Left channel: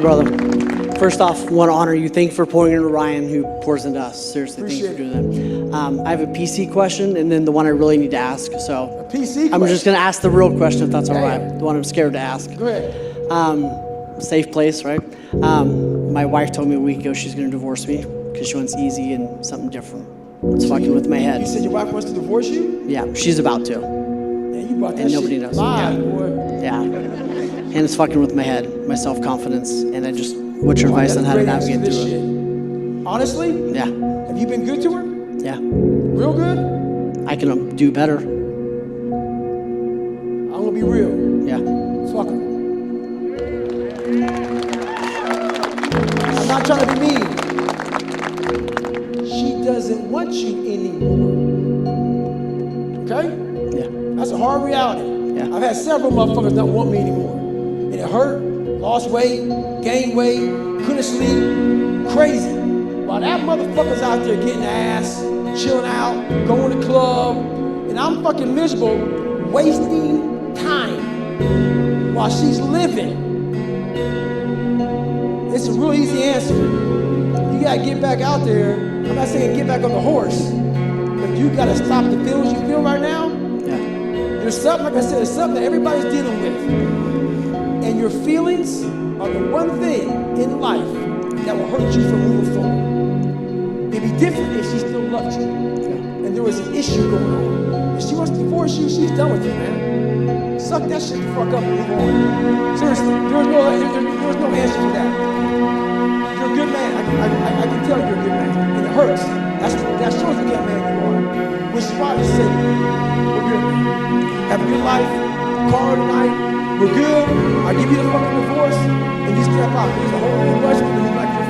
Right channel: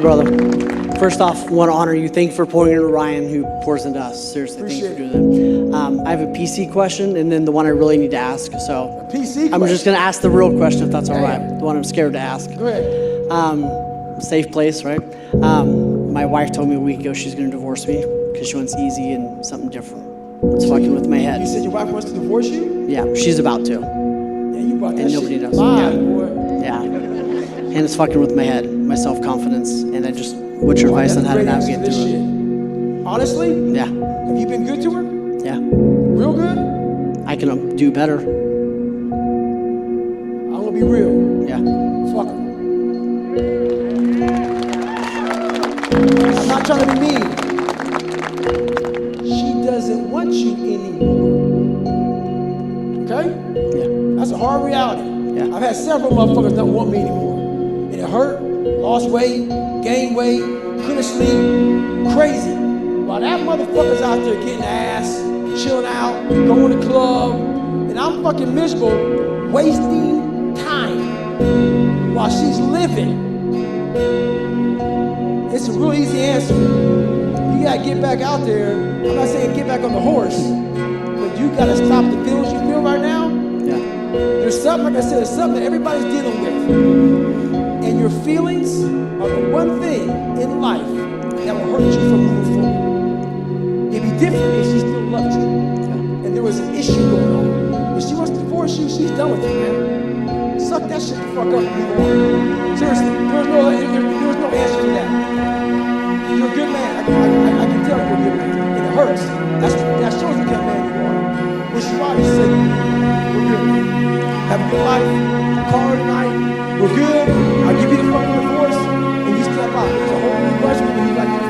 Brother, first off, want to honor you. Thank you for pouring into Ryan, who pours into us. Seriously, thank you for doing that. I have a PC question, and then the one I really need to ask. So, a PC question? I'm just going to ask the real question, if that's all right. The one I'm scared to ask. Go ahead. Safe place, right? My wife told me a week ago she's going to divorce me because she wants easy and something different. It's so fucking with my head. You said your wife wants to divorce you? Yeah, she's about to. Yeah, you brought that and nobody shit knows. live, Yeah. boy. Yeah. And it's fucking with my head, my self-confidence, and what's your advice on how to navigate through shit. it? Honestly? Yeah. Have you been good to her? Yeah. Real good? I can do better. I'm gonna be real. Yeah. Fuck her. I'm not trying to be mean. She doesn't want you anymore. Okay? Yeah. That's a hard reality. Yeah. I've had several motherfuckers not want me anymore. And it hurt, lost weight, gained weight, couldn't sleep, crazy. While that motherfucker's out there getting ass, chilling out, going to the club, and I'm fucking miserable, wasting time while she's living. It's a real easy answer. You gotta get back out there. I'm not saying get back on the horse, but you gotta stop the feelings you feel right now. Yeah. There's something, like I said, there's something that everybody's dealing with. And your feelings are the one thing in life that will hurt you from moving forward. It'd be different if she still loved you. Yeah. And there was an issue going on. If she wants to divorce you, she's done with you, man. Suck that shit the fuck up and move on. Seriously, there was no answer for that. You're a good man. I can tell you're a good man. And it hurts. That shows the kind of man you are. Which is why you say, we're good, man. Have a good life. Call her tonight. We're good. I'll give you the fucking divorce. And you step out. There's a whole bunch of people who like your